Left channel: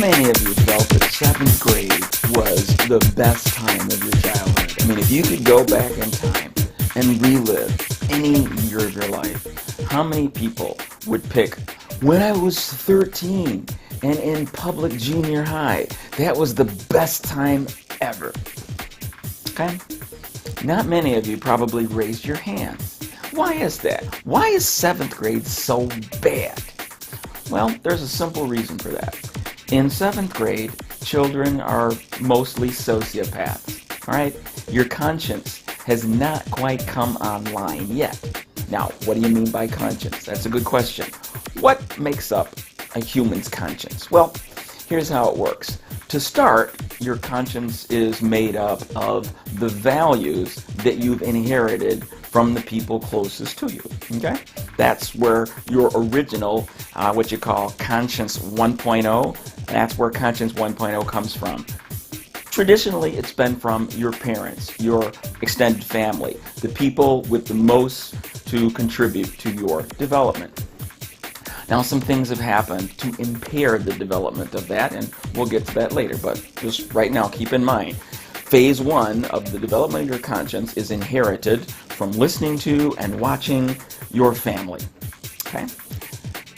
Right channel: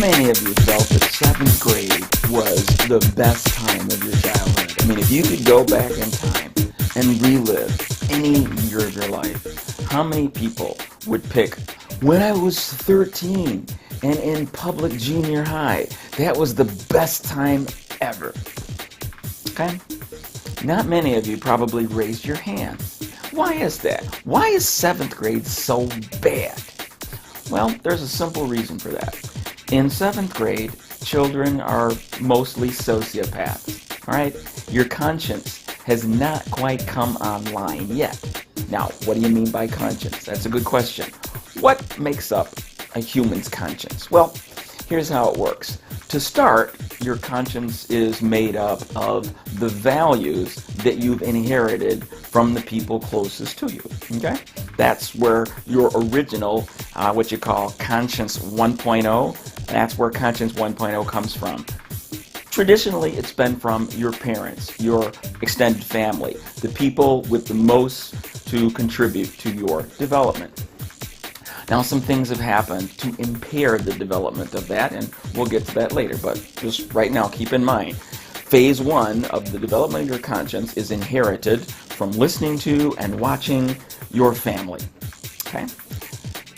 many of you felt that seventh grade was the best time of your childhood? I mean, if you could go back in time and relive any year of your life, how many people would pick when I was 13 and in public junior high? That was the best time ever. Okay? Not many of you probably raised your hands. Why is that? Why is seventh grade so bad? Well, there's a simple reason for that. In seventh grade, children are mostly sociopaths. All right? Your conscience has not quite come online yet. Now, what do you mean by conscience? That's a good question. What makes up a human's conscience? Well, here's how it works. To start, your conscience is made up of the values that you've inherited from the people closest to you. Okay? That's where your original, what you call conscience 1.0, that's where conscience 1.0 comes from. Traditionally, it's been from your parents, your extended family, the people with the most to contribute to your development. Now, some things have happened to impair the development of that, and we'll get to that later, but just right now, keep in mind, phase one of the development of your conscience is inherited from listening to and watching your family. Okay?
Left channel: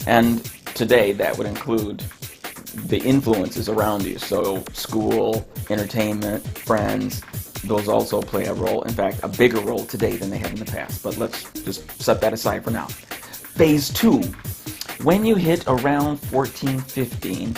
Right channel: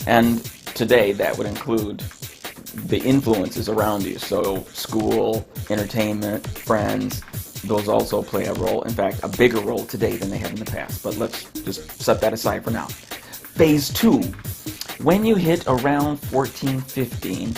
And today, that would include the influences around you, so school, entertainment, friends, those also play a role, in fact, a bigger role today than they have in the past, but let's just set that aside for now. Phase two. When you hit around 14, 15,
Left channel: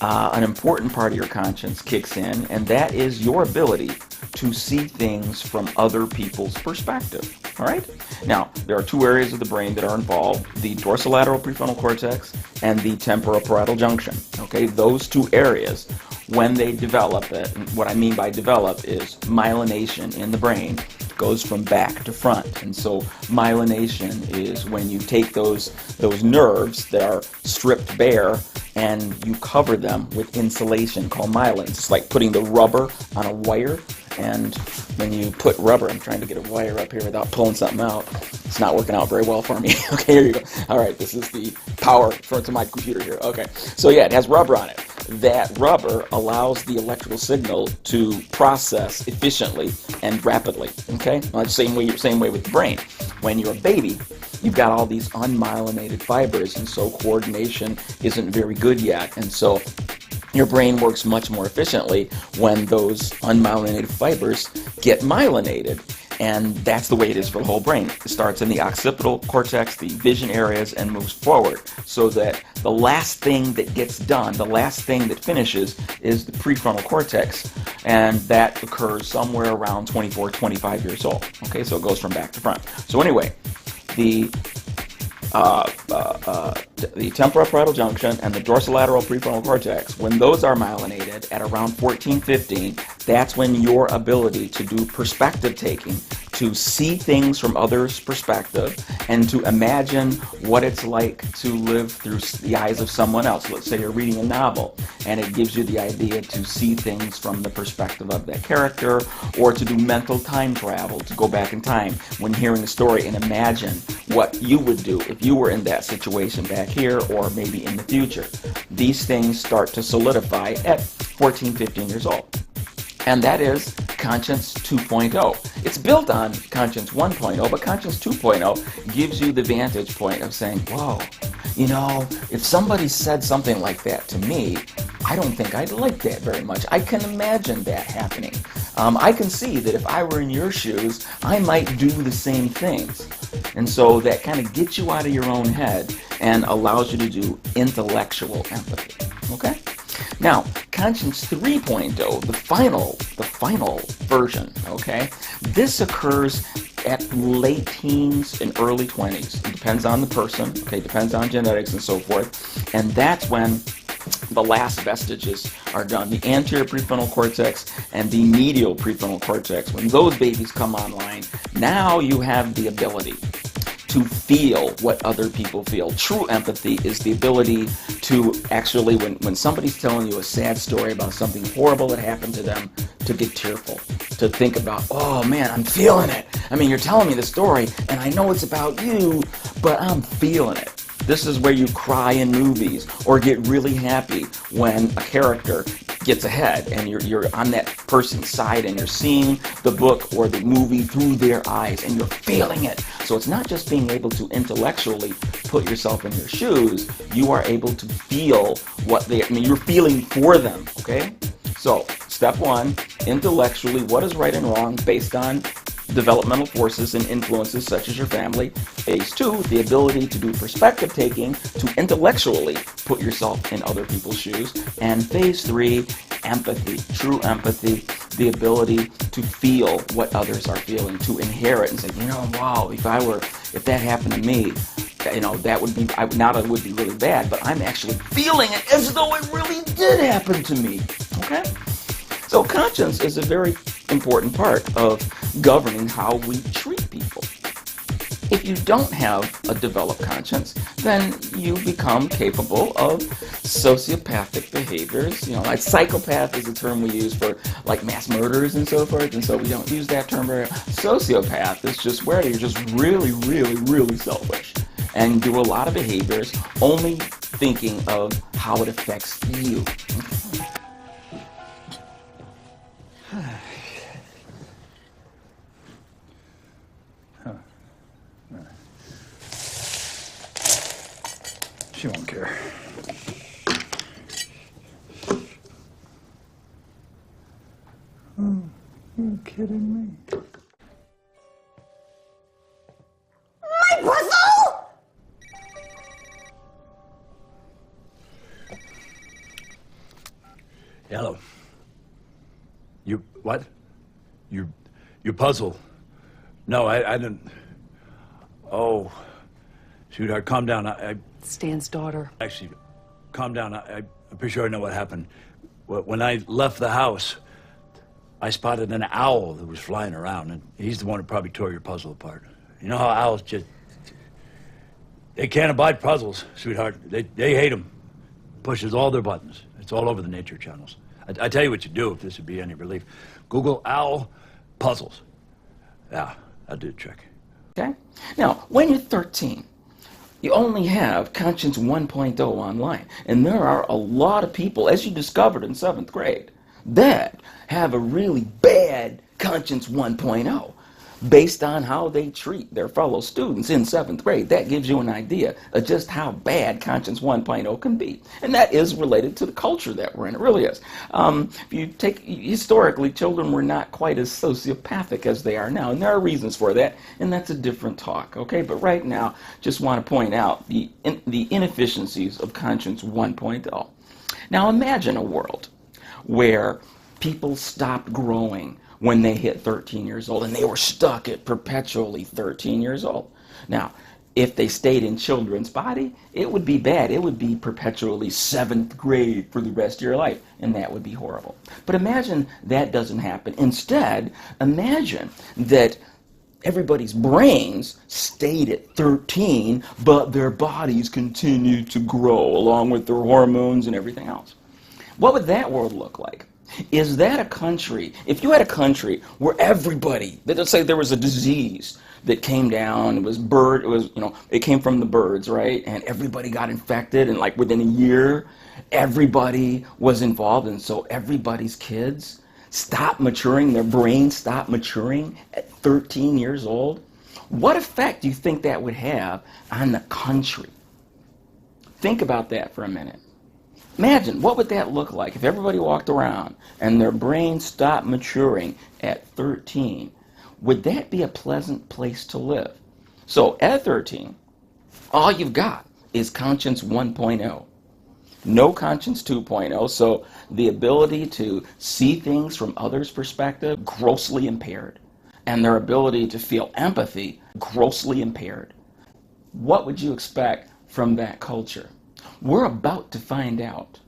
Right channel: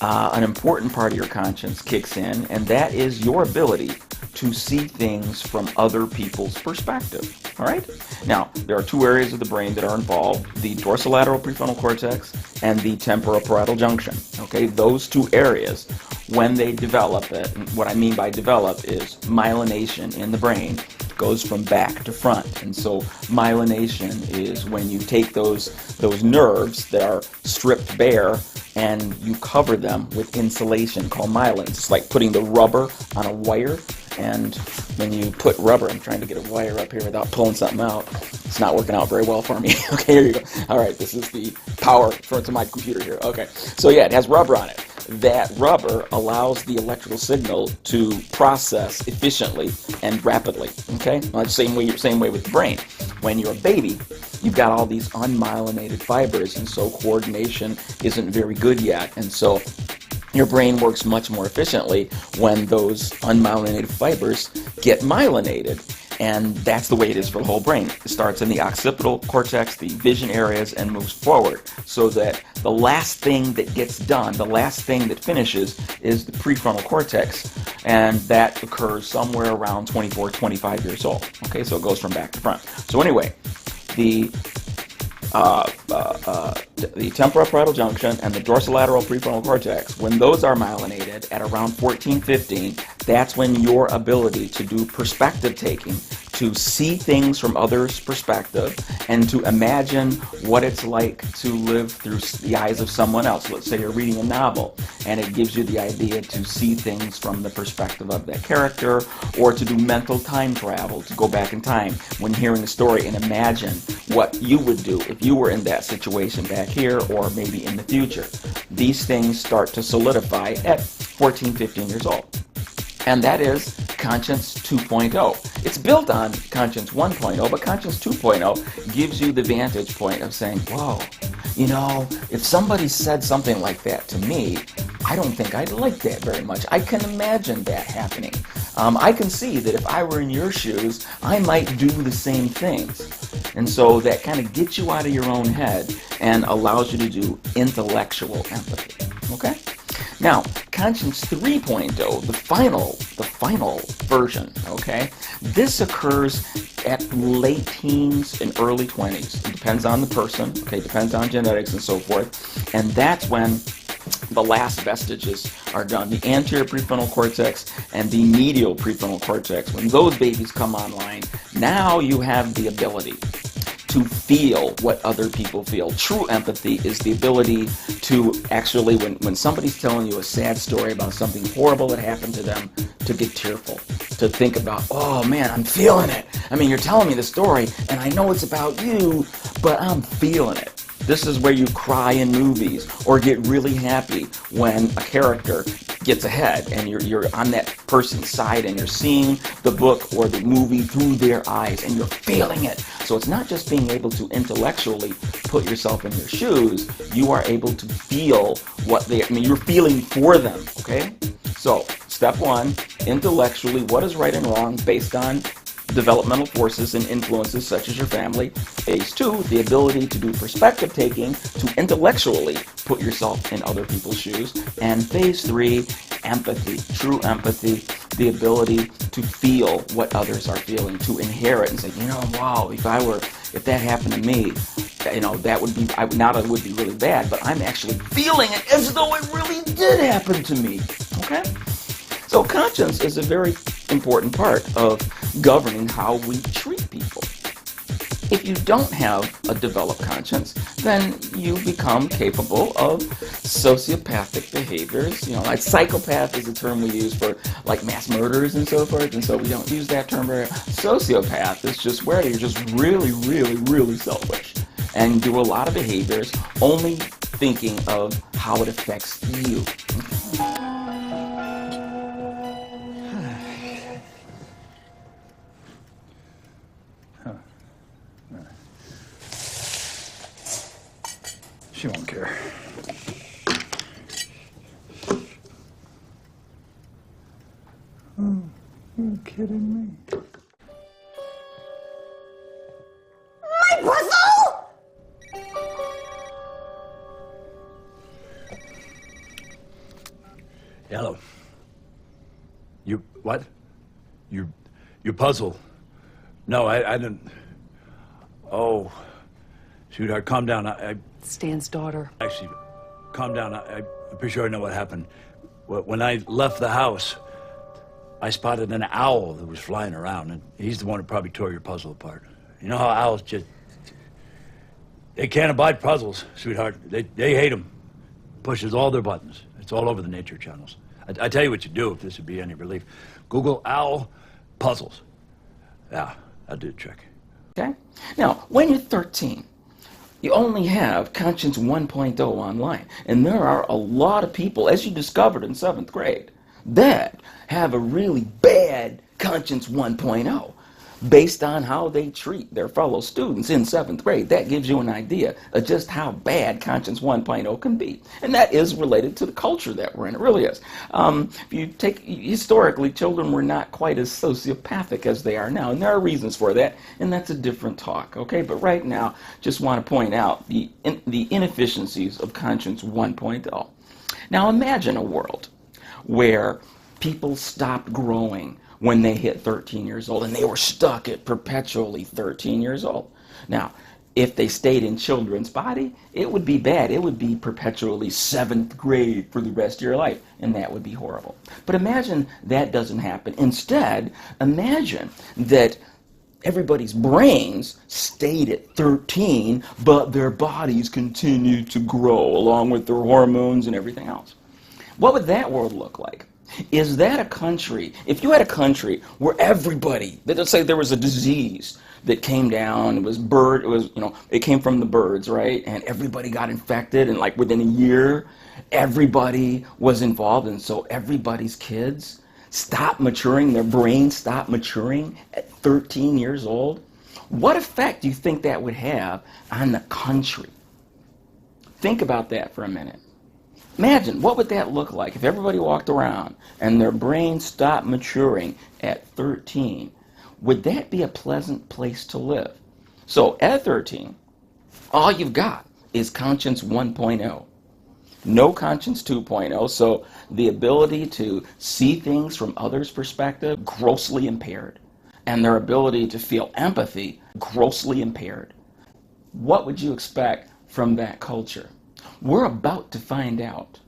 an important part of your conscience kicks in, and that is your ability to see things from other people's perspective. All right? Now, there are two areas of the brain that are involved, the dorsolateral prefrontal cortex and the temporoparietal junction. Okay? Those two areas, when they develop, and what I mean by develop is myelination in the brain, goes from back to front. And so myelination is when you take those nerves that are stripped bare and you cover them with insulation called myelin. It's like putting the rubber on a wire, and when you put rubber, I'm trying to get a wire up here without pulling something out. It's not working out very well for me. Okay, here you go. All right, this is the power to my computer here. Okay, so yeah, it has rubber on it. That rubber allows the electrical signal to process efficiently and rapidly. Okay, well, same way with the brain. When you're a baby, you've got all these unmyelinated fibers, and so coordination isn't very good yet. And so your brain works much more efficiently when those unmyelinated fibers get myelinated. And that's the way it is for the whole brain. It starts in the occipital cortex, the vision areas, and moves forward. So that the last thing that gets done, the last thing that finishes, is the prefrontal cortex. And that occurs somewhere around 24, 25 years old. Okay, so it goes from back to front. So anyway, the temporoparietal junction and the dorsolateral prefrontal cortex, when those are myelinated at around 14, 15, that's when your ability to do perspective taking, to see things from others' perspective, and to imagine what it's like to live through the eyes of someone else. Let's say you're reading a novel, and it gives you the idea to see things from the perspective of that character, or to do mental time travel, to go back in time when hearing a story and imagine what you would do if you were in that situation back here or maybe in the future. These things start to solidify at 14, 15 years old. And that is Conscience 2.0. It's built on Conscience 1.0, but Conscience 2.0 gives you the vantage point of saying, whoa, if somebody said something like that to me, I don't think I'd like that very much. I can imagine that happening. I can see that if I were in your shoes, I might do the same things. And so that kind of gets you out of your own head and allows you to do intellectual empathy. Okay? Now, Conscience 3.0, the final version, okay? This occurs at late teens and early 20s. It depends on the person, okay? Depends on genetics and so forth. And that's when the last vestiges are done. The anterior prefrontal cortex and the medial prefrontal cortex, when those babies come online, now you have the ability to feel what other people feel. True empathy is the ability to actually, when somebody's telling you a sad story about something horrible that happened to them, to get tearful, to think about, oh man, I'm feeling it. I mean, you're telling me the story, and I know it's about you, but I'm feeling it. This is where you cry in movies or get really happy when a character gets ahead and you're on that person's side and you're seeing the book or the movie through their eyes and you're feeling it. So it's not just being able to intellectually put yourself in their shoes, you are able to feel you're feeling for them, okay? So step one, intellectually, what is right and wrong based on developmental forces and influences such as your family. Phase two, the ability to do perspective taking to intellectually put yourself in other people's shoes. And phase three, empathy, true empathy, the ability to feel what others are feeling, to inherit and say, wow, if that happened to me, that would be, not it would be really bad, but I'm actually feeling it as though it really did happen to me, okay? So conscience is a very important part of governing how we treat people. If you don't have a developed conscience, then you become capable of sociopathic behaviors. Like psychopath is a term we use for like mass murders and so forth, and so we don't use that term very. Sociopath is just where you're just really, really, really selfish and do a lot of behaviors only thinking of how it affects you. She won't care. Oh, you're kidding me. My puzzle! Yellow. You, what? You puzzle. No, I didn't. Oh, sweetheart, calm down. Stan's daughter. Actually, calm down. I'm pretty sure I know what happened. When I left the house, I spotted an owl that was flying around, and he's the one who probably tore your puzzle apart. You know how owls they can't abide puzzles, sweetheart. They hate them. Pushes all their buttons. It's all over the nature channels. I tell you what you do if this would be any relief. Google owl puzzles. Yeah, that'll do the trick. Okay? Now, when you're 13, you only have Conscience 1.0 online. And there are a lot of people, as you discovered in 7th grade, that have a really bad Conscience 1.0 based on how they treat their fellow students in 7th grade. That gives you an idea of just how bad Conscience 1.0 can be. And that is related to the culture that we're in. It really is. If you take, historically, children were not quite as sociopathic as they are now. And there are reasons for that, and that's a different talk, okay? But right now, just want to point out the inefficiencies of Conscience 1.0. Now imagine a world where people stopped growing when they hit 13 years old, and they were stuck at perpetually 13 years old. Now, if they stayed in children's body, it would be bad. It would be perpetually 7th grade for the rest of your life, and that would be horrible. But imagine that doesn't happen. Instead, imagine that everybody's brains stayed at 13, but their bodies continued to grow along with their hormones and everything else. What would that world look like? Is that a country, if you had a country where everybody, let's say there was a disease that came down, it came from the birds, right? And everybody got infected, and like within a year, everybody was involved, and so everybody's kids stopped maturing, their brains stopped maturing at 13 years old. What effect do you think that would have on the country? Think about that for a minute. Imagine, what would that look like if everybody walked around and their brains stopped maturing at 13? Would that be a pleasant place to live? So at 13, all you've got is Conscience 1.0. No Conscience 2.0, so the ability to see things from others' perspective, grossly impaired. And their ability to feel empathy, grossly impaired. What would you expect from that culture? We're about to find out.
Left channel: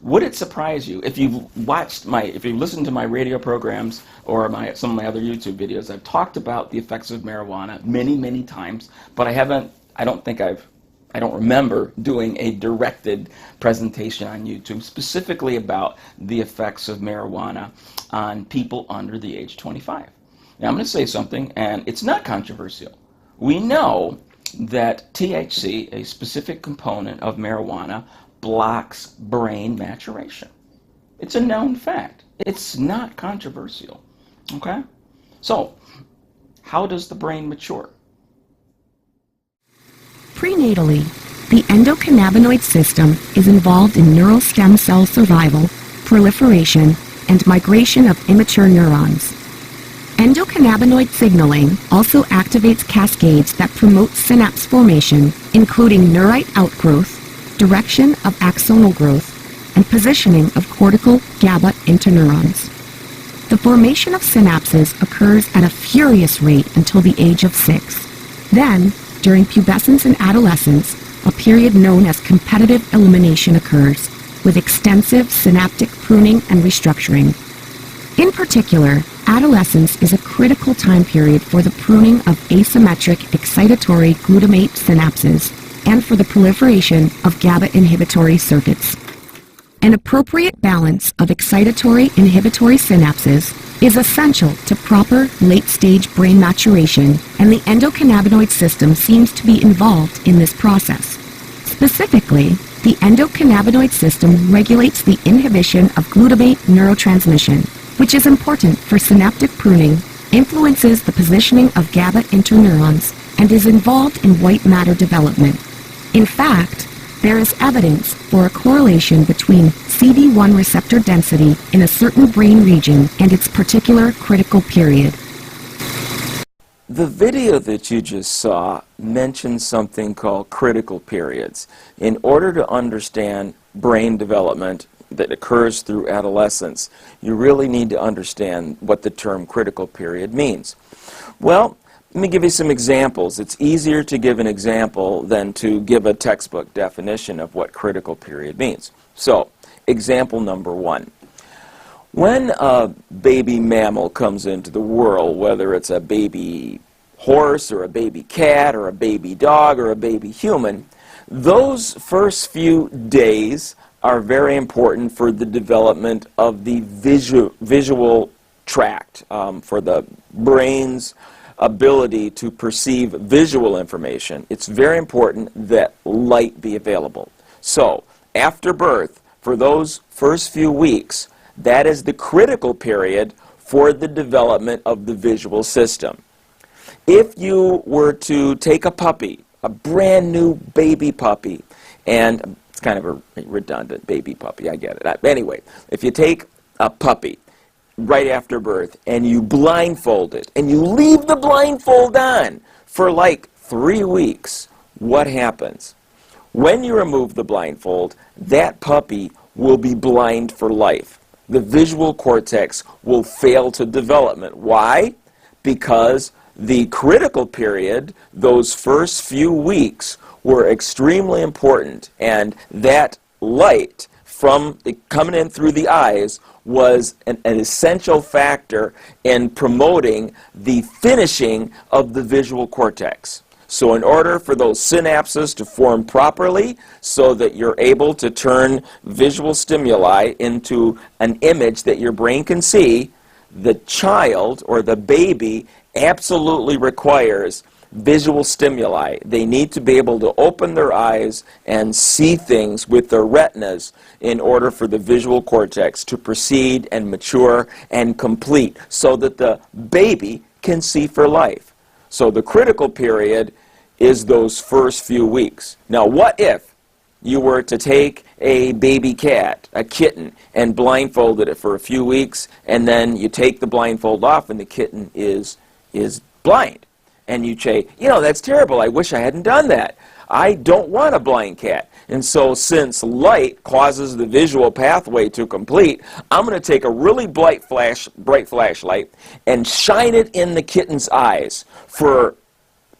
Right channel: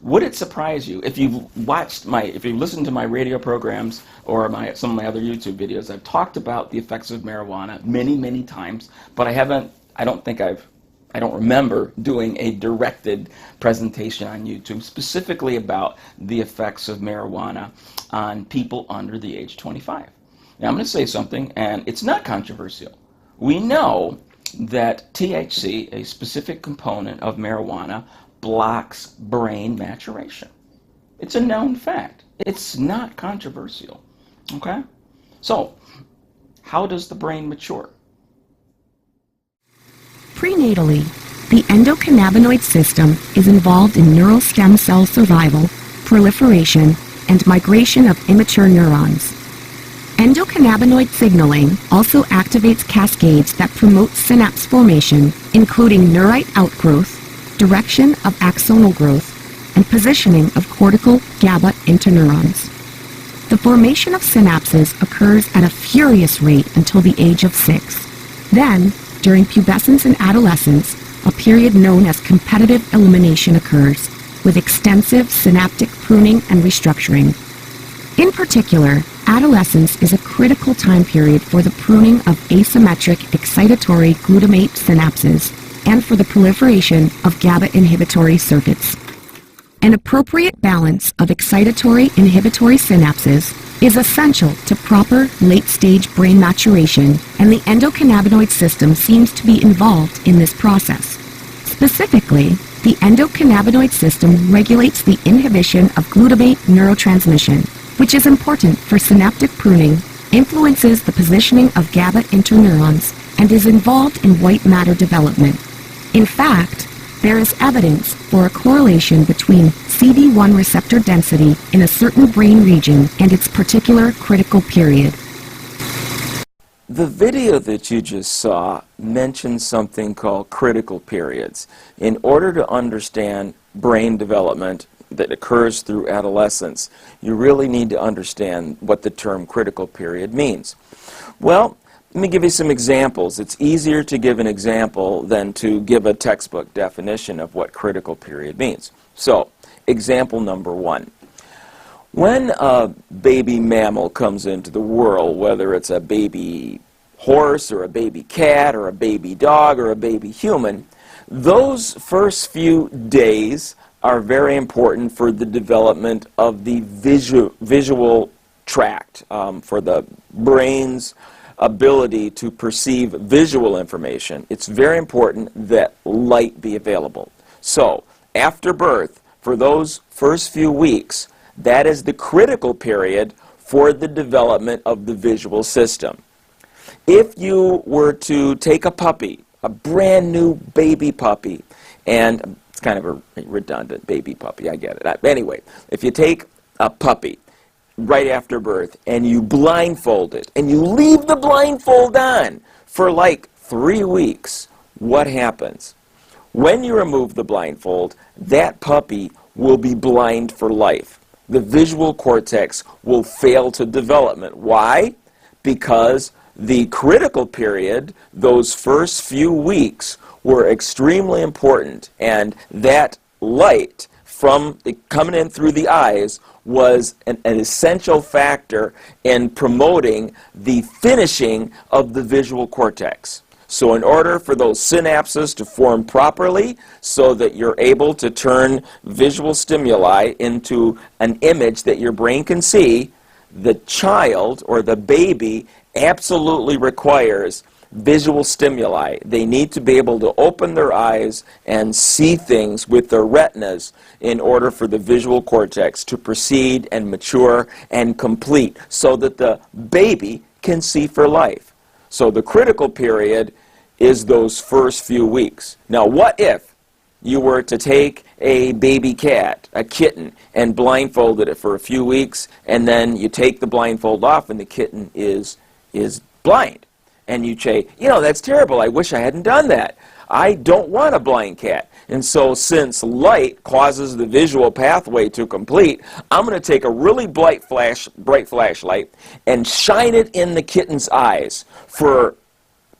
Would it surprise you if you've listened to my radio programs or some of my other YouTube videos? I've talked about the effects of marijuana many, many times, but I don't remember doing a directed presentation on YouTube specifically about the effects of marijuana on people under the age 25. Now I'm going to say something, and it's not controversial. We know that THC, a specific component of marijuana, blocks brain maturation. It's a known fact. It's not controversial. Okay? So, how does the brain mature? Prenatally, the endocannabinoid system is involved in neural stem cell survival, proliferation, and migration of immature neurons. Endocannabinoid signaling also activates cascades that promote synapse formation, including neurite outgrowth, direction of axonal growth, and positioning of cortical GABA interneurons. The formation of synapses occurs at a furious rate until the age of 6. Then, during pubescence and adolescence, a period known as competitive elimination occurs, with extensive synaptic pruning and restructuring. In particular, adolescence is a critical time period for the pruning of asymmetric excitatory glutamate synapses and for the proliferation of GABA inhibitory circuits. An appropriate balance of excitatory inhibitory synapses is essential to proper late-stage brain maturation, and the endocannabinoid system seems to be involved in this process. Specifically, the endocannabinoid system regulates the inhibition of glutamate neurotransmission, which is important for synaptic pruning, influences the positioning of GABA interneurons, and is involved in white matter development. In fact, there is evidence for a correlation between CD1 receptor density in a certain brain region and its particular critical period. The video that you just saw mentioned something called critical periods. In order to understand brain development that occurs through adolescence, you really need to understand what the term critical period means. Well, let me give you some examples. It's easier to give an example than to give a textbook definition of what critical period means. So, example number 1. When a baby mammal comes into the world, whether it's a baby horse or a baby cat or a baby dog or a baby human, those first few days are very important for the development of the visual tract, for the brain's ability to perceive visual information. It's very important that light be available. So, after birth, for those first few weeks, that is the critical period for the development of the visual system. If you were to take a puppy, a brand new baby puppy, and it's kind of a redundant baby puppy, I get it. Anyway, if you take a puppy right after birth and you blindfold it and you leave the blindfold on for like 3 weeks, what happens? When you remove the blindfold, that puppy will be blind for life. The visual cortex will fail to development. Why? Because the critical period, those first few weeks, were extremely important, and that light from coming in through the eyes was an essential factor in promoting the finishing of the visual cortex. So in order for those synapses to form properly so that you're able to turn visual stimuli into an image that your brain can see, the child or the baby absolutely requires visual stimuli. They need to be able to open their eyes and see things with their retinas in order for the visual cortex to proceed and mature and complete so that the baby can see for life. So the critical period is those first few weeks. Now, what if you were to take a baby cat, a kitten, and blindfolded it for a few weeks, and then you take the blindfold off and the kitten is blind? And you say, you know, that's terrible. I wish I hadn't done that. I don't want a blind cat. And so since light causes the visual pathway to complete, I'm going to take a really bright flashlight and shine it in the kitten's eyes for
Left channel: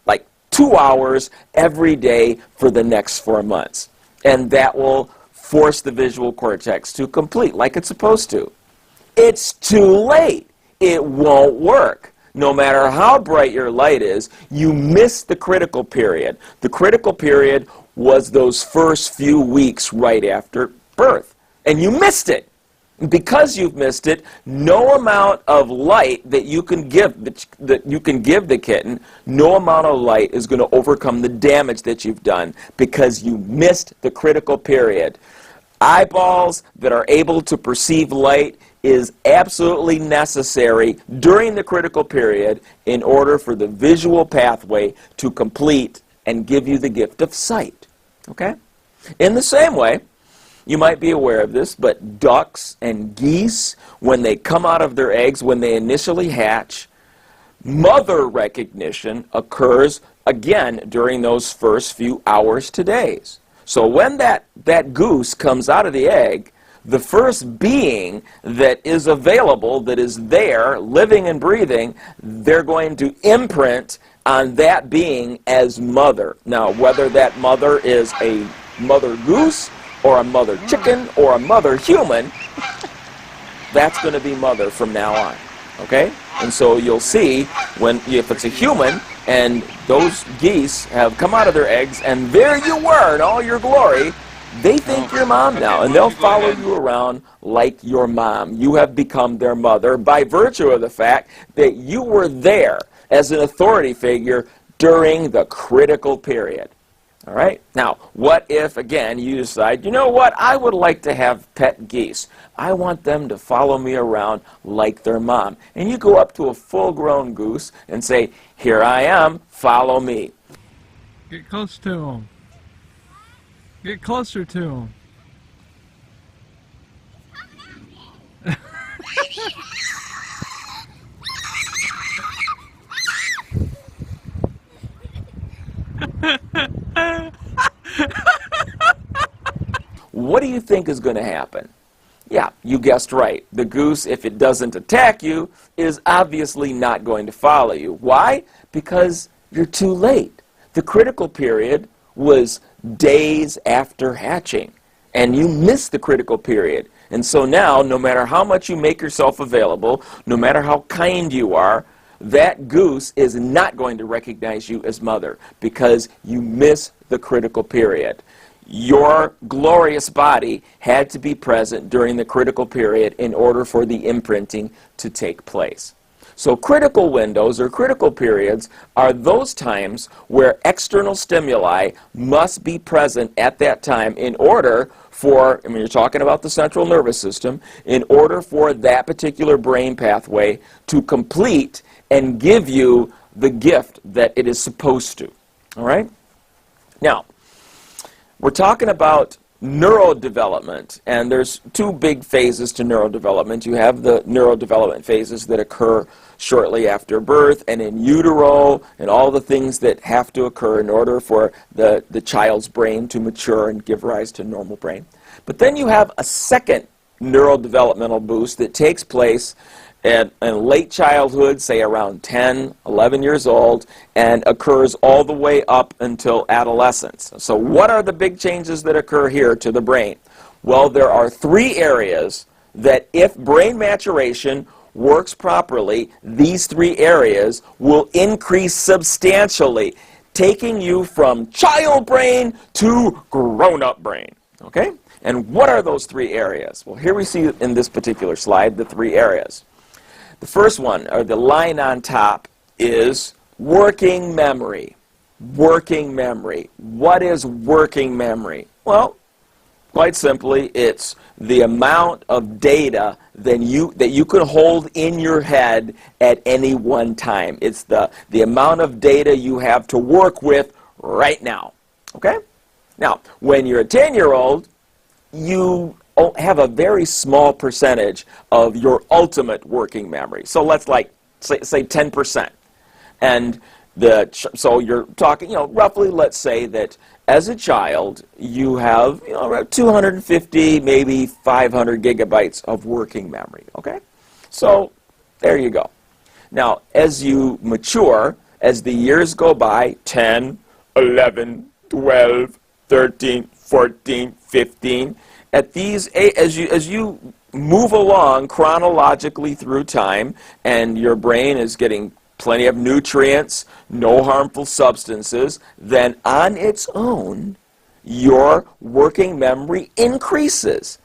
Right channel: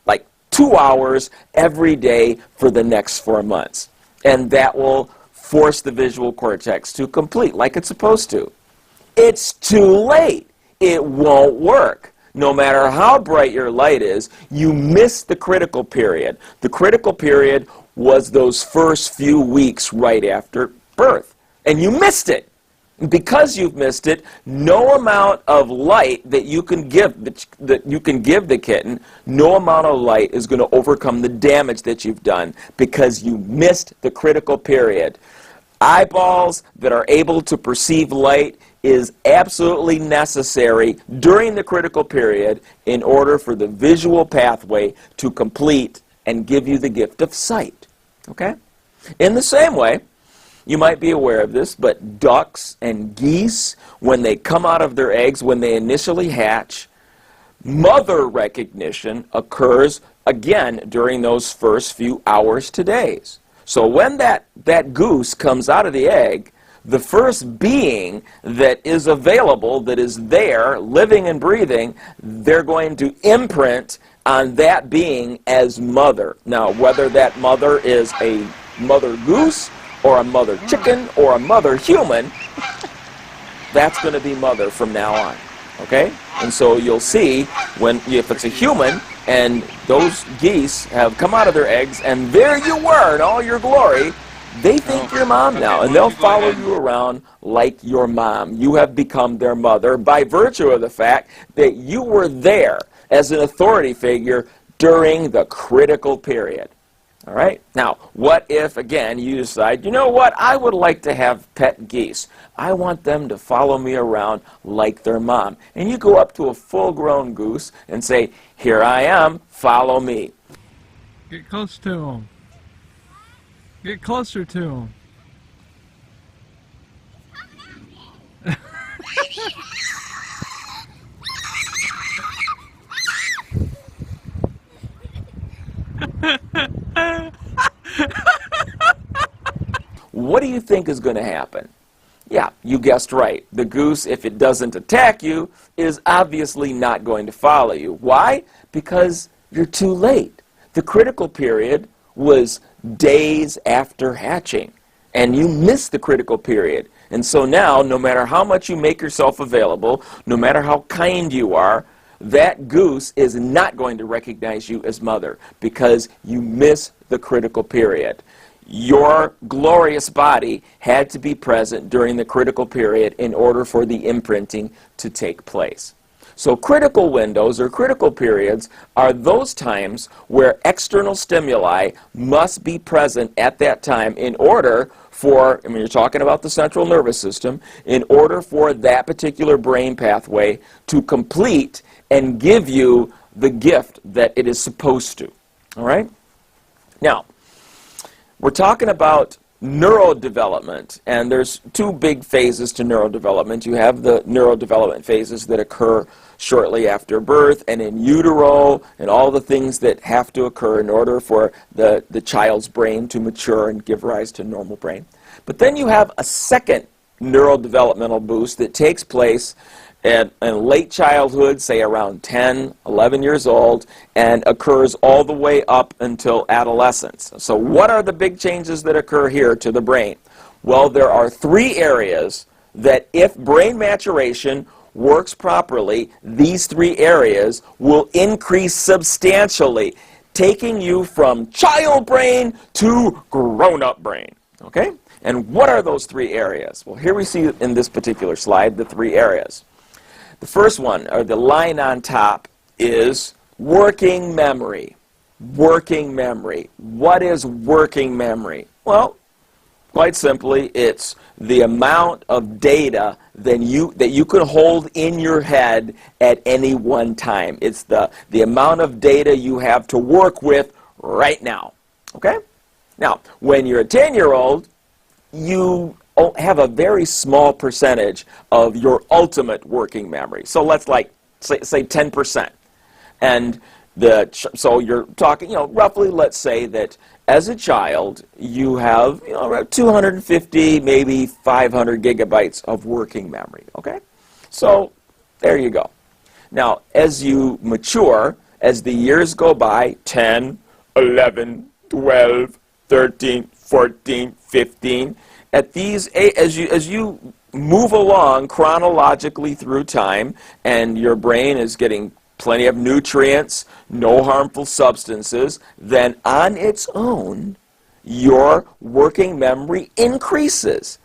like 2 hours every day for the next 4 months. And that will force the visual cortex to complete like it's supposed to. It's too late. It won't work. No matter how bright your light is, you miss the critical period. The critical period was those first few weeks right after birth. And you missed it. Because you've missed it, no amount of light that you can give the kitten, no amount of light is going to overcome the damage that you've done because you missed the critical period. Eyeballs that are able to perceive light is absolutely necessary during the critical period in order for the visual pathway to complete and give you the gift of sight. Okay? In the same way, you might be aware of this, but ducks and geese, when they come out of their eggs, when they initially hatch, mother recognition occurs again during those first few hours to days. So when that goose comes out of the egg, the first being that is available, that is there, living and breathing, they're going to imprint on that being as mother. Now, whether that mother is a mother goose or a mother chicken or a mother human, that's going to be mother from now on. Okay? And so you'll see if it's a human and those geese have come out of their eggs and there you were in all your glory, they think you're mom now, and they'll follow you around like your mom. You have become their mother by virtue of the fact that you were there as an authority figure during the critical period. All right? Now, what if, again, you decide, you know what, I would like to have pet geese. I want them to follow me around like their mom. And you go up to a full-grown goose and say, here I am, follow me. Get close to them. Get closer to them. What do you think is going to happen? Yeah, you guessed right. The goose, if it doesn't attack you, is obviously not going to follow you. Why? Because you're too late. The critical period was days after hatching, and you missed the critical period. And so now, no matter how much you make yourself available, no matter how kind you are, that goose is not going to recognize you as mother because you miss the critical period. Your glorious body had to be present during the critical period in order for the imprinting to take place. So critical windows or critical periods are those times where external stimuli must be present at that time in order for, you're talking about the central nervous system, in order for that particular brain pathway to complete and give you the gift that it is supposed to. All right? Now, we're talking about neurodevelopment, and there's two big phases to neurodevelopment. You have the neurodevelopment phases that occur shortly after birth and in utero and all the things that have to occur in order for the child's brain to mature and give rise to a normal brain. But then you have a second neurodevelopmental boost that takes place in late childhood, say around 10, 11 years old, and occurs all the way up until adolescence. So what are the big changes that occur here to the brain? Well, there are three areas that if brain maturation works properly, these three areas will increase substantially, taking you from child brain to grown-up brain. Okay? And what are those three areas? Well, here we see in this particular slide the three areas. The first one, or the line on top, is working memory. Working memory. What is working memory? Well, quite simply, it's the amount of data that you could hold in your head at any one time. It's the amount of data you have to work with right now. Okay? Now, when you're a 10-year-old, you have a very small percentage of your ultimate working memory. So let's say 10%. And so you're talking, roughly, let's say that as a child, you have, around 250, maybe 500 gigabytes of working memory, okay? So there you go. Now, as you mature, as the years go by, 10, 11, 12, 13, 14, 15, as you move along chronologically through time and your brain is getting plenty of nutrients, no harmful substances, then on its own, your working memory increases.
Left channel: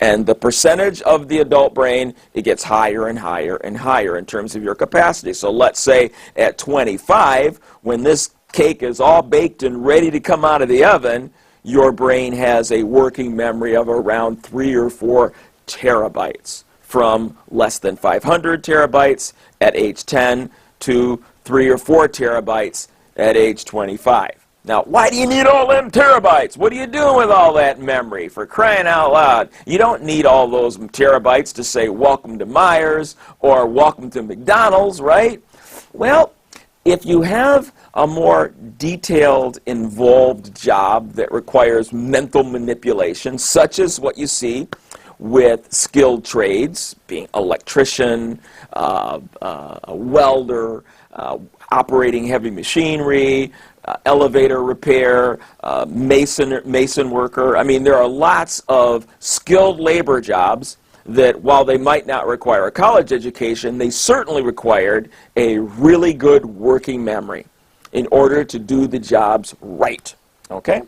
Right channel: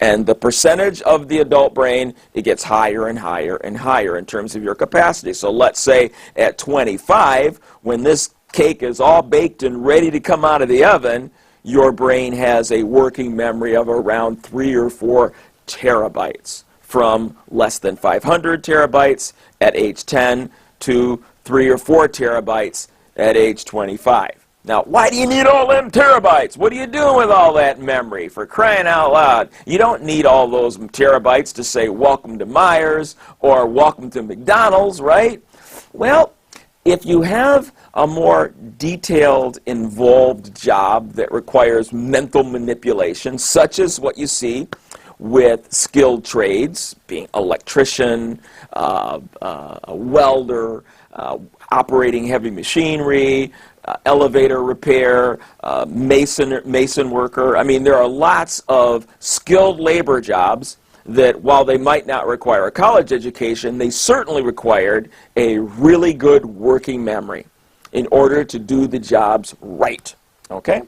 And the percentage of the adult brain, it gets higher and higher and higher in terms of your capacity. So let's say at 25, when this cake is all baked and ready to come out of the oven, your brain has a working memory of around 3 or 4 terabytes, from less than 500 terabytes at age 10 to 3 or 4 terabytes at age 25. Now, why do you need all them terabytes? What are you doing with all that memory, for crying out loud? You don't need all those terabytes to say welcome to Myers or welcome to McDonald's, right? Well, if you have a more detailed, involved job that requires mental manipulation, such as what you see with skilled trades, being electrician, a welder, operating heavy machinery, elevator repair, mason worker. I mean, there are lots of skilled labor jobs that, while they might not require a college education, they certainly required a really good working memory in order to do the jobs right. Okay?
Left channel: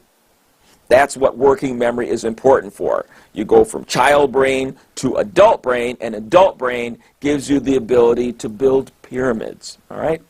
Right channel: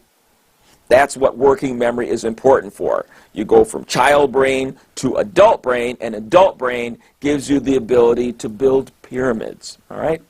That's what working memory is important for. You go from child brain to adult brain, and adult brain gives you the ability to build pyramids. All right?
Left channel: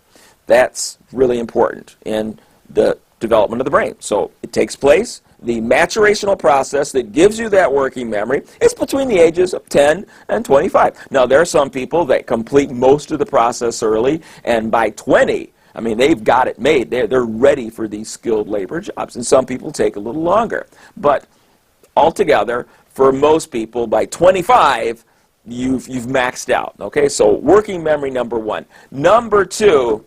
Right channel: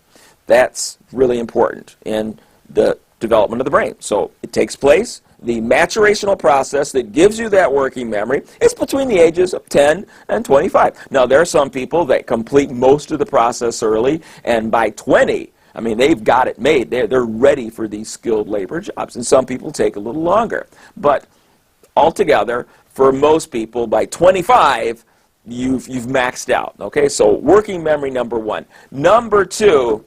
That's really important in the development of the brain. So it takes place. The maturational process that gives you that working memory is between the ages of 10 and 25. Now, there are some people that complete most of the process early, and by 20, I mean, they've got it made. They're ready for these skilled labor jobs, and some people take a little longer. But altogether, for most people, by 25, you've maxed out. Okay, so working memory, number 1. Number 2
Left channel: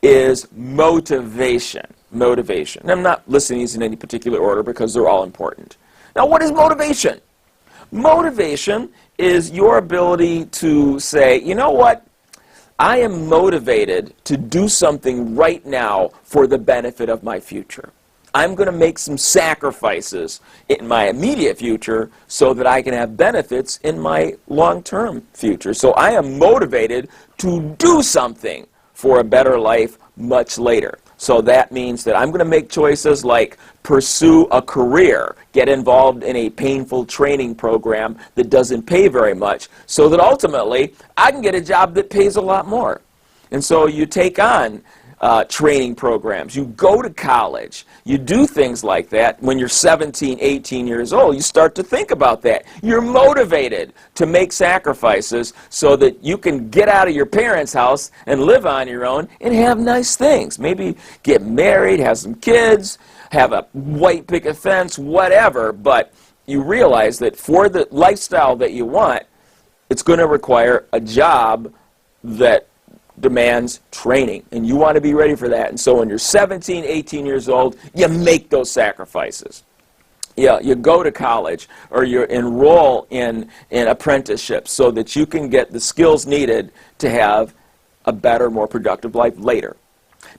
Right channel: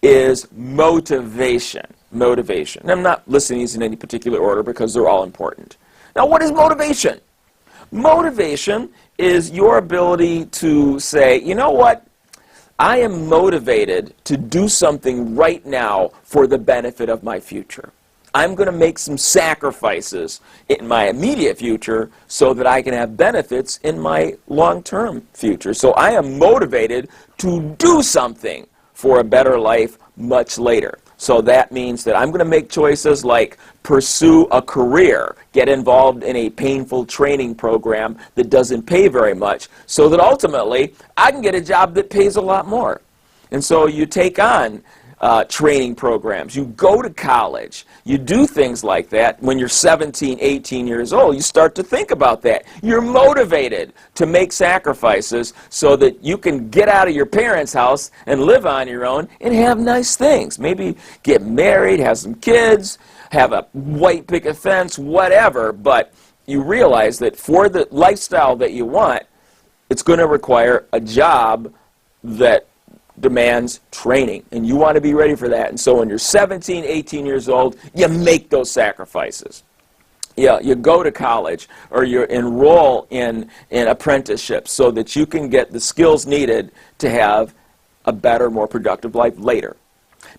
is motivation. Motivation. And I'm not listing these in any particular order because they're all important. Now, what is motivation? Motivation is your ability to say, you know what? I am motivated to do something right now for the benefit of my future. I'm going to make some sacrifices in my immediate future so that I can have benefits in my long-term future. So I am motivated to do something for a better life much later. So that means that I'm going to make choices like pursue a career, get involved in a painful training program that doesn't pay very much, so that ultimately I can get a job that pays a lot more. And so you take on training programs, you go to college, you do things like that. When you're 17, 18 years old, you start to think about that. You're motivated to make sacrifices so that you can get out of your parents' house and live on your own and have nice things. Maybe get married, have some kids, have a white picket fence, whatever, but you realize that for the lifestyle that you want, it's going to require a job that demands training, and you want to be ready for that. And so when you're 17, 18 years old, you make those sacrifices. Yeah, you go to college or you enroll in apprenticeships so that you can get the skills needed to have a better, more productive life later.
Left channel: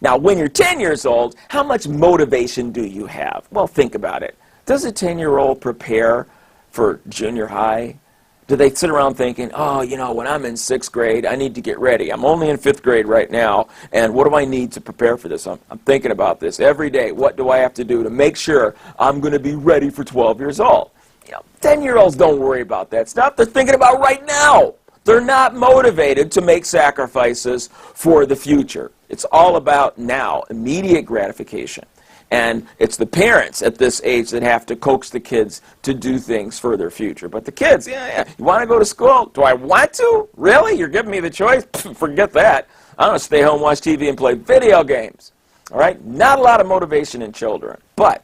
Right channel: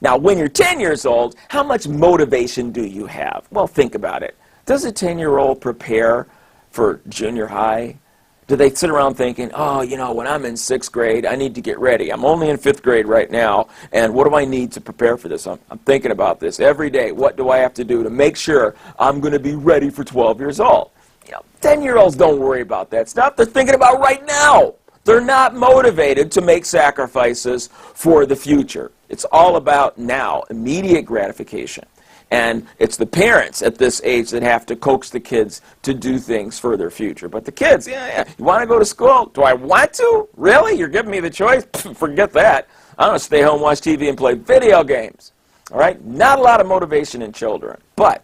Now, when you're 10 years old, how much motivation do you have? Well, think about it. Does a 10-year-old prepare for junior high? Do they sit around thinking, oh, you know, when I'm in 6th grade, I need to get ready. I'm only in 5th grade right now, and what do I need to prepare for this? I'm thinking about this every day. What do I have to do to make sure I'm going to be ready for 12 years old? You know, 10-year-olds don't worry about that stuff. They're thinking about right now. They're not motivated to make sacrifices for the future. It's all about now, immediate gratification. And it's the parents at this age that have to coax the kids to do things for their future. But the kids, yeah, you want to go to school? Do I want to? Really? You're giving me the choice? Forget that. I'm going to stay home, watch TV, and play video games. All right? Not a lot of motivation in children. But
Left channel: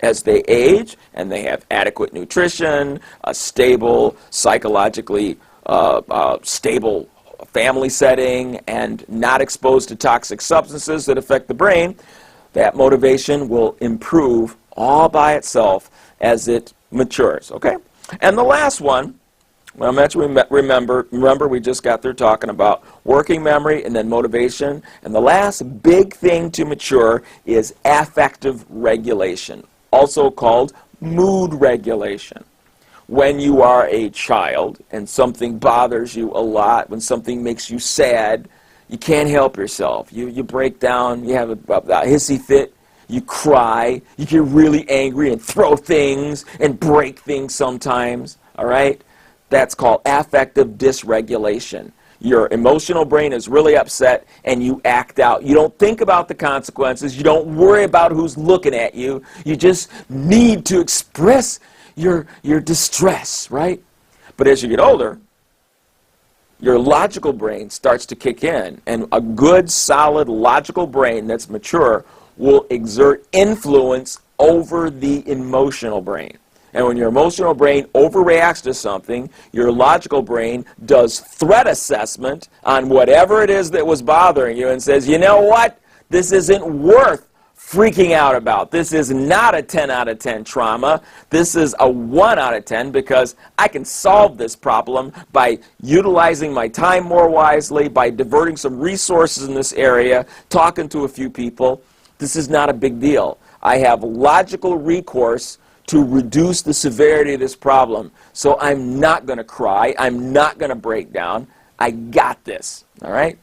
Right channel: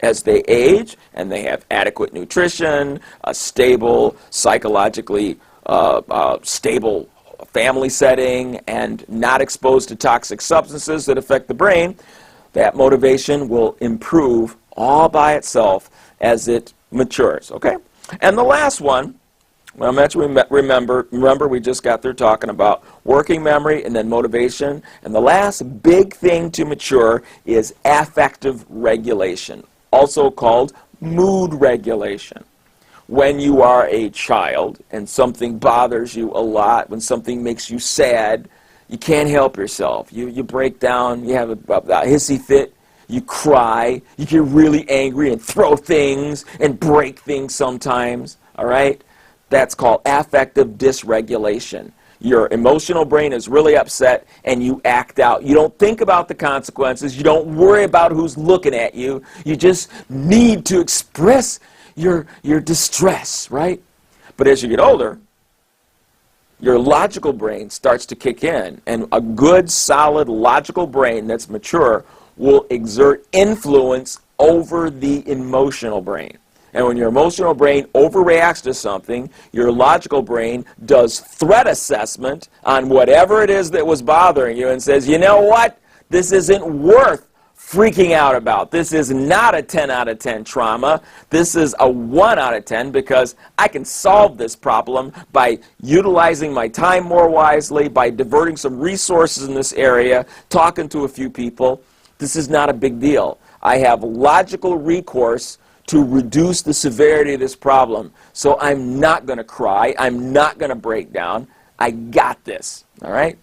as they age and they have adequate nutrition, a stable, psychologically stable family setting, and not exposed to toxic substances that affect the brain, that motivation will improve all by itself as it matures, okay? And the last one, well, I mentioned, remember we just got there talking about working memory and then motivation. And the last big thing to mature is affective regulation, also called mood regulation. When you are a child and something bothers you a lot, when something makes you sad, you can't help yourself. You break down, you have a hissy fit, you cry, you get really angry and throw things and break things sometimes, all right? That's called affective dysregulation. Your emotional brain is really upset and you act out. You don't think about the consequences. You don't worry about who's looking at you. You just need to express your distress, right? But as you get older, your logical brain starts to kick in, and a good, solid, logical brain that's mature will exert influence over the emotional brain. And when your emotional brain overreacts to something, your logical brain does threat assessment on whatever it is that was bothering you and says, you know what? This isn't worth freaking out about. This is not a 10 out of 10 trauma. This is a 1 out of 10 because I can solve this problem by utilizing my time more wisely, by diverting some resources in this area, talking to a few people. This is not a big deal. I have logical recourse to reduce the severity of this problem. So I'm not going to cry. I'm not going to break down. I got this. All right?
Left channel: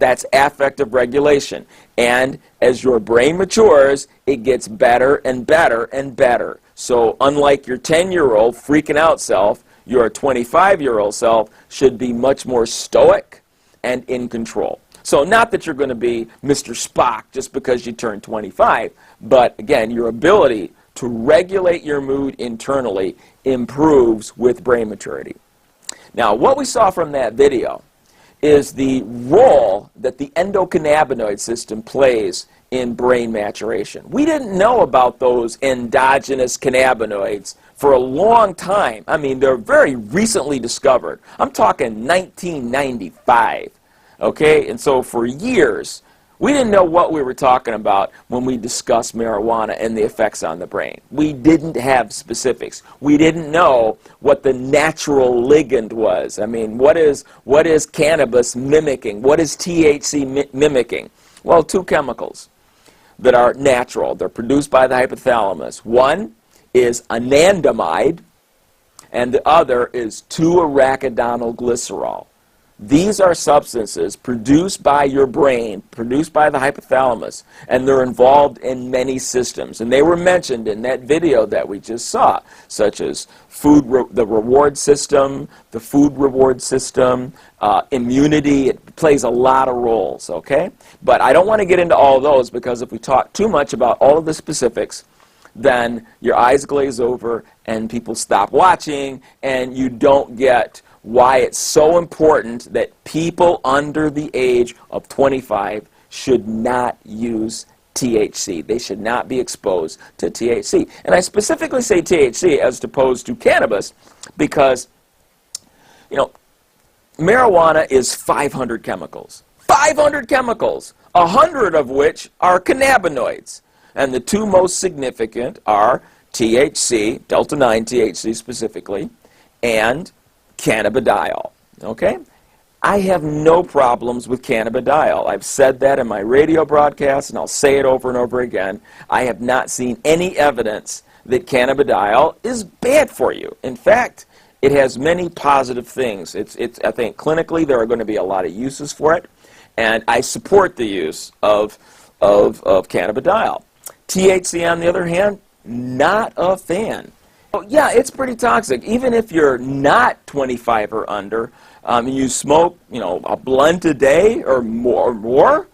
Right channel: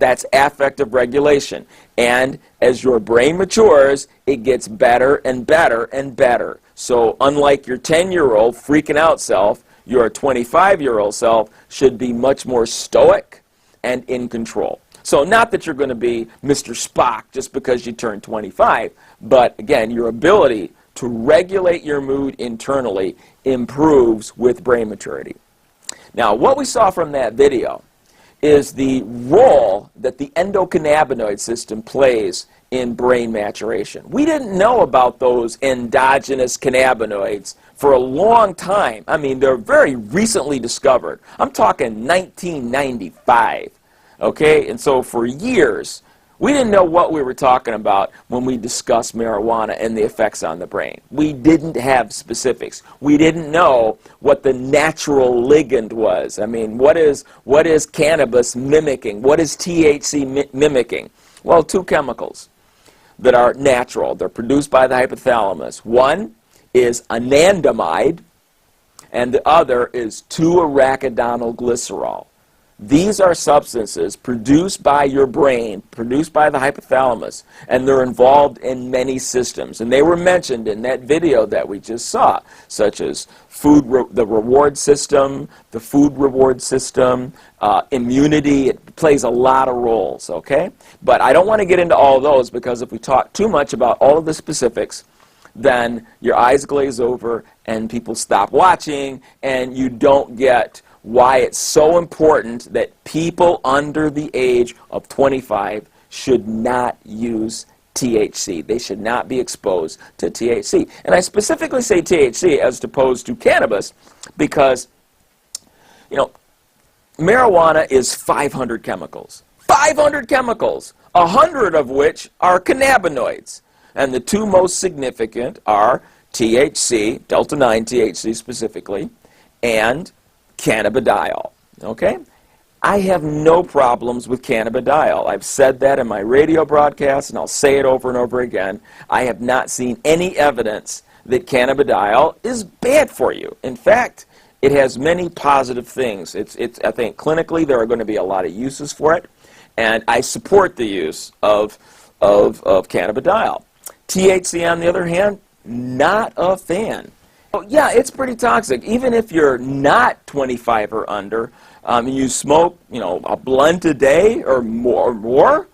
That's affective regulation. And as your brain matures, it gets better and better and better. So unlike your 10-year-old freaking out self, your 25-year-old self should be much more stoic and in control. So not that you're going to be Mr. Spock just because you turn 25, but again, your ability to regulate your mood internally improves with brain maturity. Now, what we saw from that video is the role that the endocannabinoid system plays in brain maturation. We didn't know about those endogenous cannabinoids for a long time. I mean, they're very recently discovered. I'm talking 1995, okay? And so for years, we didn't know what we were talking about when we discussed marijuana and the effects on the brain. We didn't have specifics. We didn't know what the natural ligand was. I mean, what is cannabis mimicking? What is THC mimicking? Well, two chemicals that are natural. They're produced by the hypothalamus. One is anandamide, and the other is 2-arachidonylglycerol. These are substances produced by your brain, produced by the hypothalamus, and they're involved in many systems. And they were mentioned in that video that we just saw, such as the reward system, the food reward system, immunity. It plays a lot of roles, okay? But I don't want to get into all of those because if we talk too much about all of the specifics, then your eyes glaze over and people stop watching and you don't get why it's so important that people under the age of 25 should not use THC. They should not be exposed to THC. And I specifically say THC as opposed to cannabis because, you know, marijuana is 500 chemicals. 500 chemicals, 100 of which are cannabinoids. And the two most significant are THC, delta-9 THC specifically, and cannabidiol, okay? I have no problems with cannabidiol. I've said that in my radio broadcast, and I'll say it over and over again. I have not seen any evidence that cannabidiol is bad for you. In fact, it has many positive things. I think clinically there are going to be a lot of uses for it, and I support the use of cannabidiol. THC, on the other hand, not a fan. Yeah, it's pretty toxic. Even if you're not 25 or under, you smoke, a blunt a day or more,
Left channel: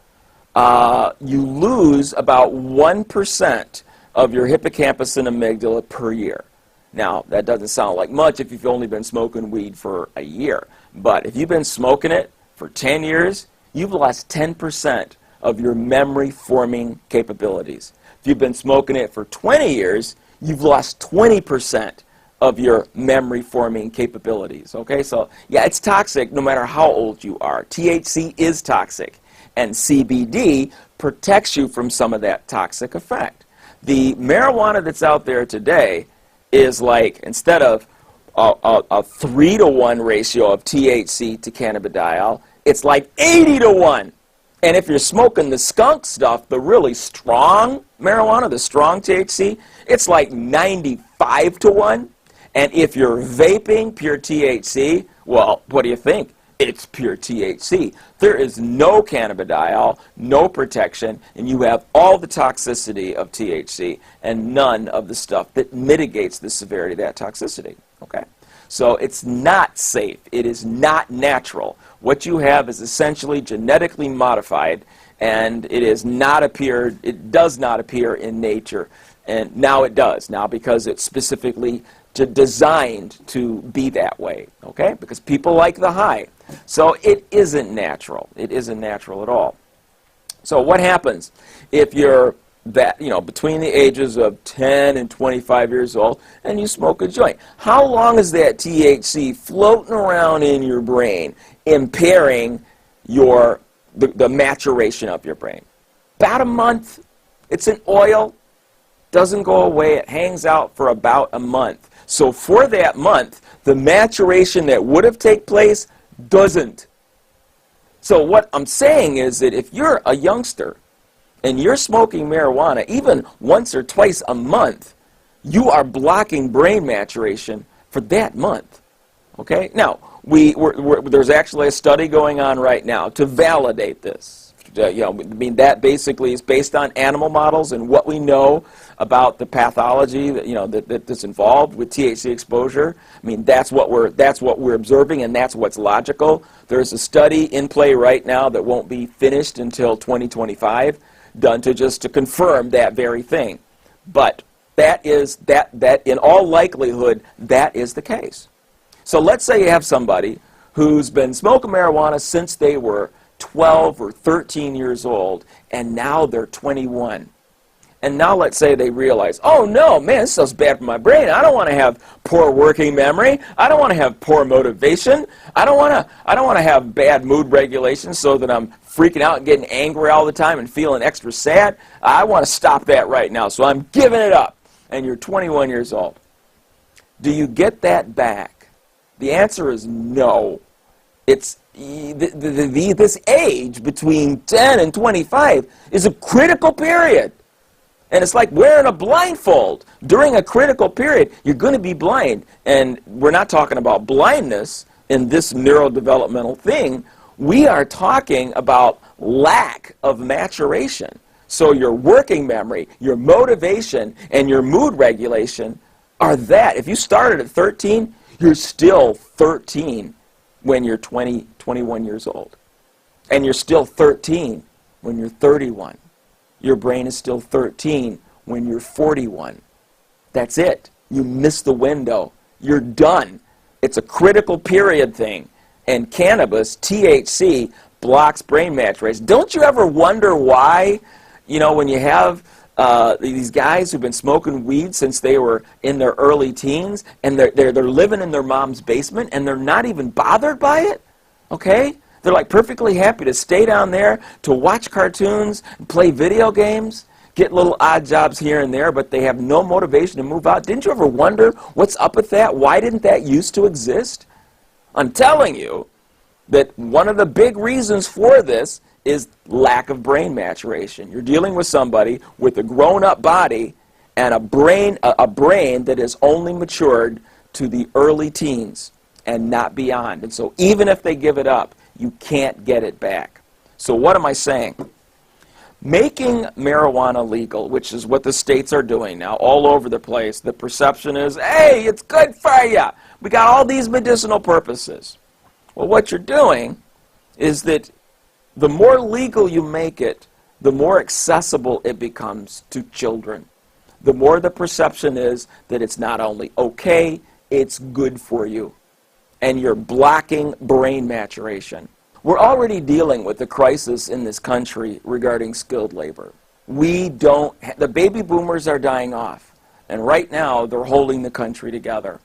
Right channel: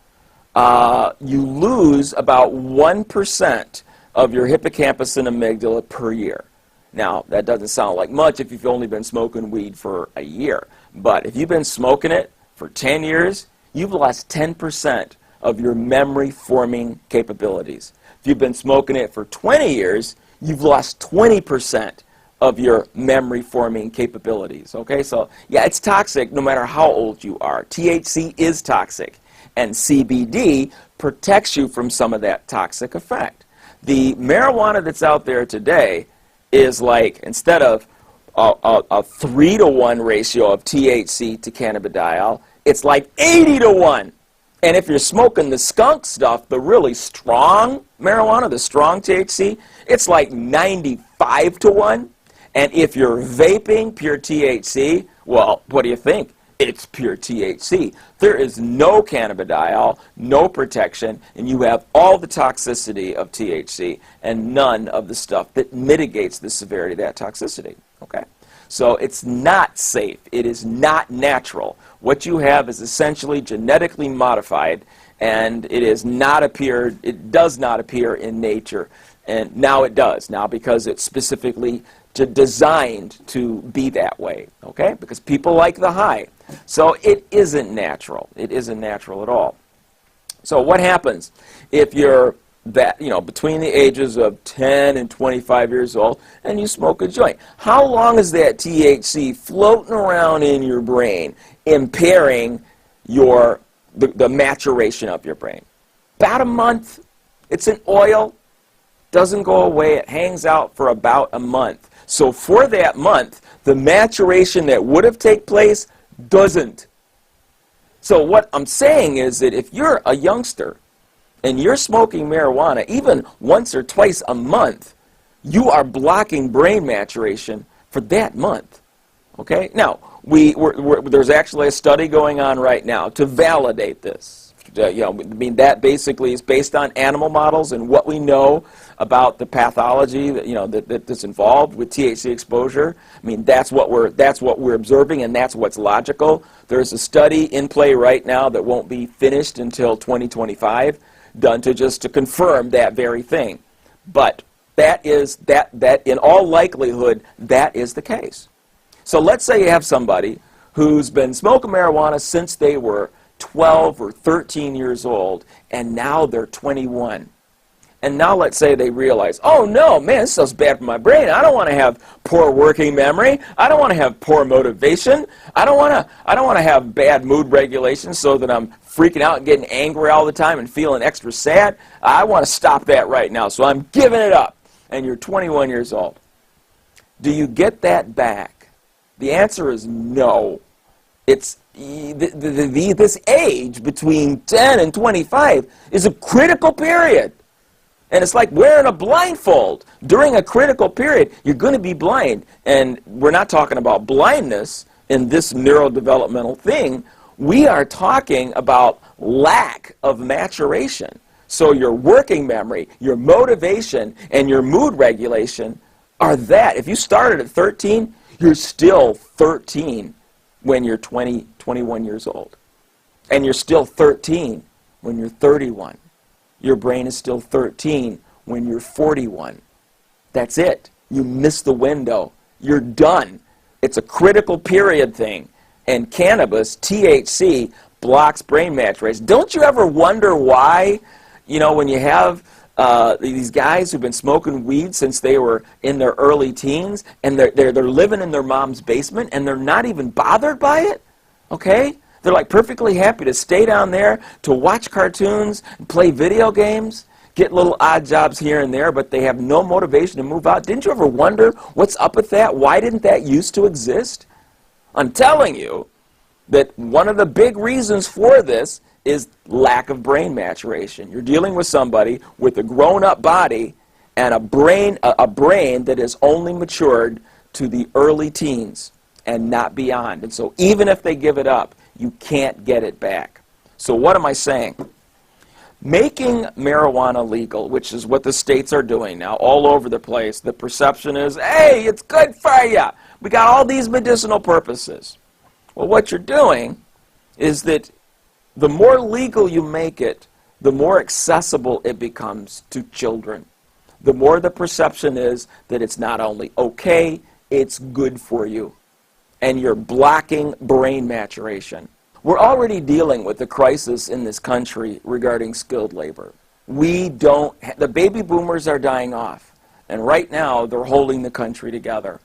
you lose about 1% of your hippocampus and amygdala per year. Now, that doesn't sound like much if you've only been smoking weed for a year. But if you've been smoking it for 10 years, you've lost 10% of your memory-forming capabilities. If you've been smoking it for 20 years, you've lost 20% of your memory-forming capabilities, okay? So, yeah, it's toxic no matter how old you are. THC is toxic, and CBD protects you from some of that toxic effect. The marijuana that's out there today is like, instead of a 3-to-1 ratio of THC to cannabidiol, it's like 80-to-1. And if you're smoking the skunk stuff, the really strong marijuana, the strong THC, it's like 95-to-1. And if you're vaping pure THC, well, what do you think? It's pure THC. There is no cannabidiol, no protection, and you have all the toxicity of THC and none of the stuff that mitigates the severity of that toxicity. Okay? So it's not safe. It is not natural. What you have is essentially genetically modified, and it does not appear in nature. And now it does, now because it's specifically designed to be that way, okay? Because people like the high. So it isn't natural. It isn't natural at all. So what happens if you're between the ages of 10 and 25 years old and you smoke a joint? How long is that THC floating around in your brain, impairing the maturation of your brain? About a month. It's an oil. Doesn't go away. It hangs out for about a month. So for that month, the maturation that would have taken place doesn't. So what I'm saying is that if you're a youngster and you're smoking marijuana even once or twice a month, you are blocking brain maturation for that month. Okay? Now, there's actually a study going on right now to validate this. That basically is based on animal models and what we know about the pathology that's involved with THC exposure. I mean, that's what we're observing, and that's what's logical. There's a study in play right now that won't be finished until 2025, done to confirm that very thing. But that in all likelihood, that is the case. So let's say you have somebody who's been smoking marijuana since they were 12 or 13 years old, and now they're 21. And now let's say they realize, oh no, man, this stuff's bad for my brain. I don't want to have poor working memory. I don't want to have poor motivation. I don't want to have bad mood regulation so that I'm freaking out and getting angry all the time and feeling extra sad. I want to stop that right now, so I'm giving it up. And you're 21 years old. Do you get that back? The answer is no. It's this age between 10 and 25 is a critical period. And it's like wearing a blindfold. During a critical period, you're going to be blind. And we're not talking about blindness in this neurodevelopmental thing. We are talking about lack of maturation. So your working memory, your motivation, and your mood regulation are that. If you started at 13, you're still 13 when you're 20, 21 years old. And you're still 13 when you're 31. Your brain is still 13 when you're 41. That's it. You missed the window. You're done. It's a critical period thing. And cannabis, THC, blocks brain maturation. Don't you ever wonder why, when you have these guys who've been smoking weed since they were in their early teens, and they're living in their mom's basement, and they're not even bothered by it, okay? They're like perfectly happy to stay down there, to watch cartoons, and play video games, get little odd jobs here and there, but they have no motivation to move out. Didn't you ever wonder what's up with that? Why didn't that used to exist? I'm telling you that one of the big reasons for this is lack of brain maturation. You're dealing with somebody with a grown-up body and a brain that is only matured to the early teens and not beyond. And so even if they give it up, you can't get it back. So what am I saying? Making marijuana legal, which is what the states are doing now all over the place, the perception is, hey, it's good for you. We got all these medicinal purposes. Well, what you're doing is that the more legal you make it, the more accessible it becomes to children. The more the perception is that it's not only okay, it's good for you. And you're blocking brain maturation. We're already dealing with the crisis in this country regarding skilled labor. The baby boomers are dying off. And right now, they're holding the country together.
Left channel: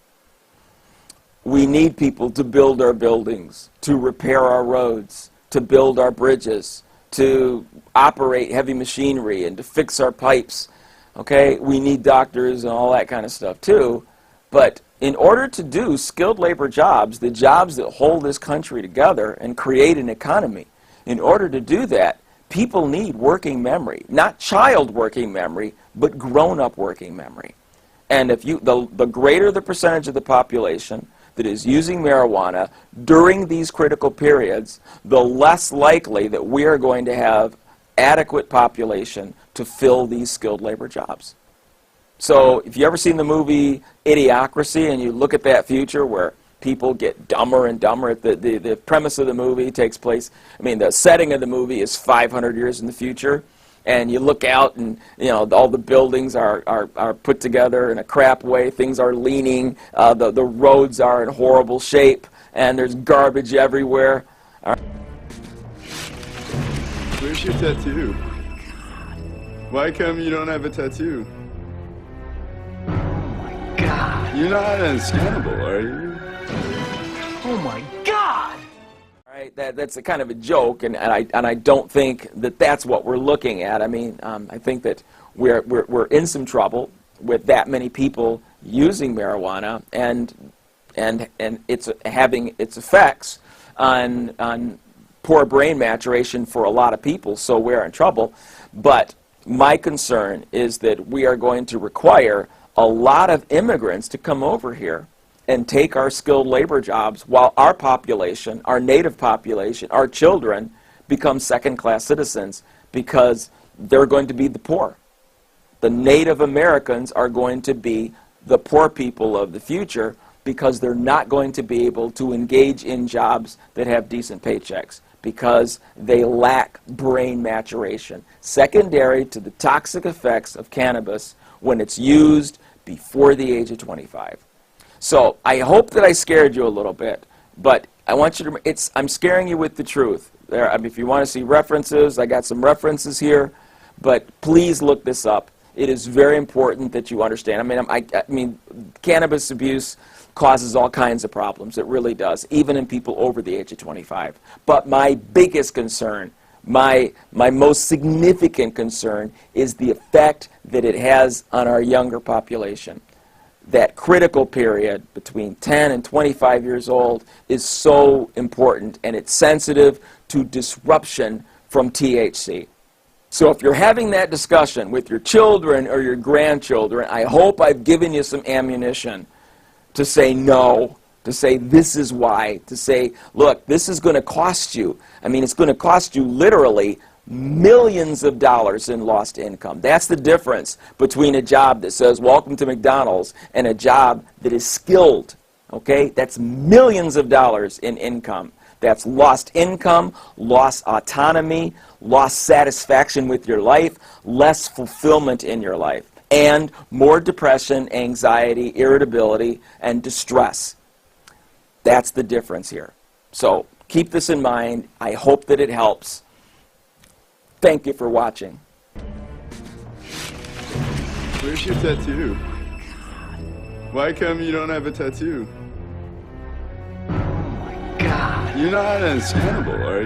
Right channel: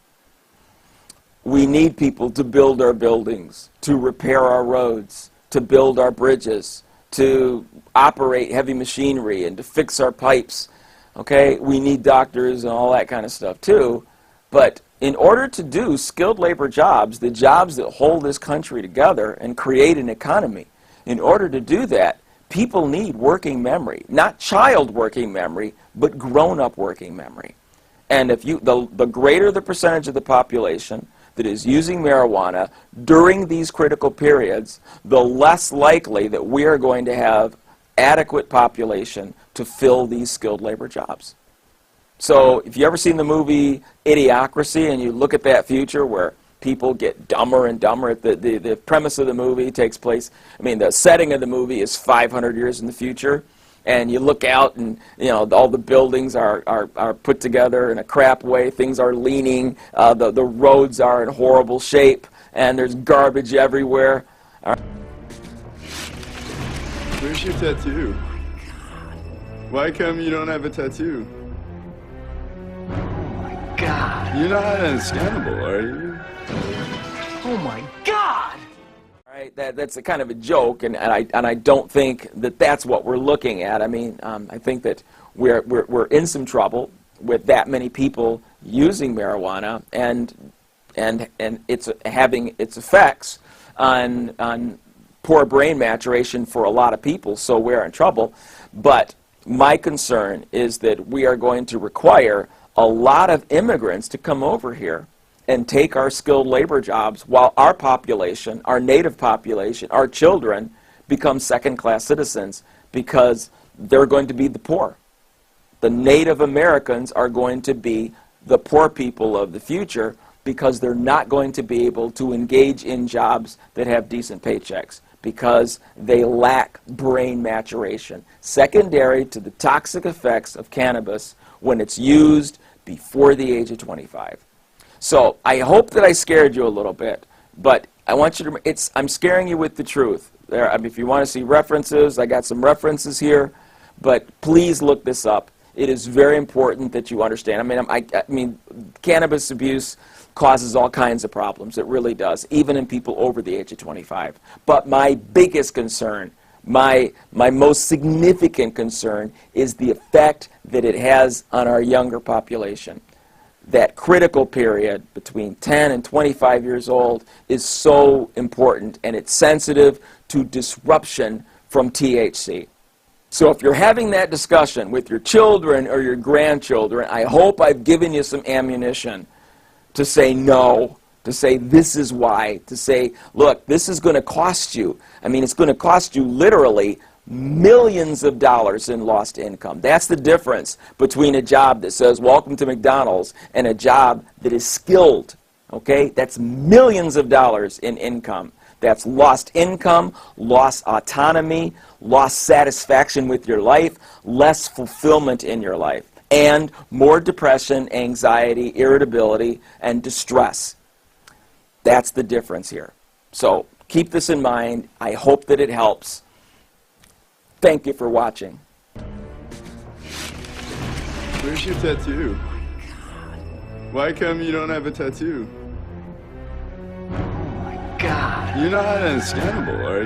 We need people to build our buildings, to repair our roads, to build our bridges, to operate heavy machinery, and to fix our pipes. Okay, we need doctors and all that kind of stuff too. But in order to do skilled labor jobs, the jobs that hold this country together and create an economy, in order to do that, people need working memory. Not child working memory, but grown-up working memory. And if the greater the percentage of the population that is using marijuana during these critical periods, the less likely that we are going to have adequate population to fill these skilled labor jobs. So if you ever seen the movie Idiocracy and you look at that future where people get dumber and dumber, the premise of the movie takes place, I mean, the setting of the movie is 500 years in the future, and you look out and, you know, all the buildings are put together in a crap way, things are leaning, the roads are in horrible shape, and there's garbage everywhere. Where's your tattoo? Why come you don't have a tattoo? God. You're not understandable, are you? Oh my God. Right, that's a kind of a joke, and I don't think that that's what we're looking at. I mean, I think that we're in some trouble with that many people using marijuana, and it's having its effects on poor brain maturation for a lot of people. So we're in trouble. But my concern is that we are going to require a lot of immigrants to come over here and take our skilled labor jobs while our population, our native population, our children become second-class citizens because they're going to be the poor. The Native Americans are going to be the poor people of the future because they're not going to be able to engage in jobs that have decent paychecks because they lack brain maturation, secondary to the toxic effects of cannabis when it's used before the age of 25. So I hope that I scared you a little bit, but I want you to, I'm scaring you with the truth. There, I mean, if you want to see references, I got some references here, but please look this up. It is very important that you understand. I mean, cannabis abuse causes all kinds of problems. It really does, even in people over the age of 25. But my biggest concern, my most significant concern, is the effect that it has on our younger population. That critical period between 10 and 25 years old is so important, and it's sensitive to disruption from THC. So if you're having that discussion with your children or your grandchildren, I hope I've given you some ammunition to say no, to say this is why, to say, look, this is going to cost you. I mean, it's going to cost you literally millions of dollars in lost income. That's the difference between a job that says, welcome to McDonald's, and a job that is skilled. Okay? That's millions of dollars in income. That's lost income, lost autonomy, lost satisfaction with your life, less fulfillment in your life, and more depression, anxiety, irritability, and distress. That's the difference here. So keep this in mind. I hope that it helps. Thank you for watching. Where's your tattoo? Why come you don't have a tattoo? God. You're not understandable, are you?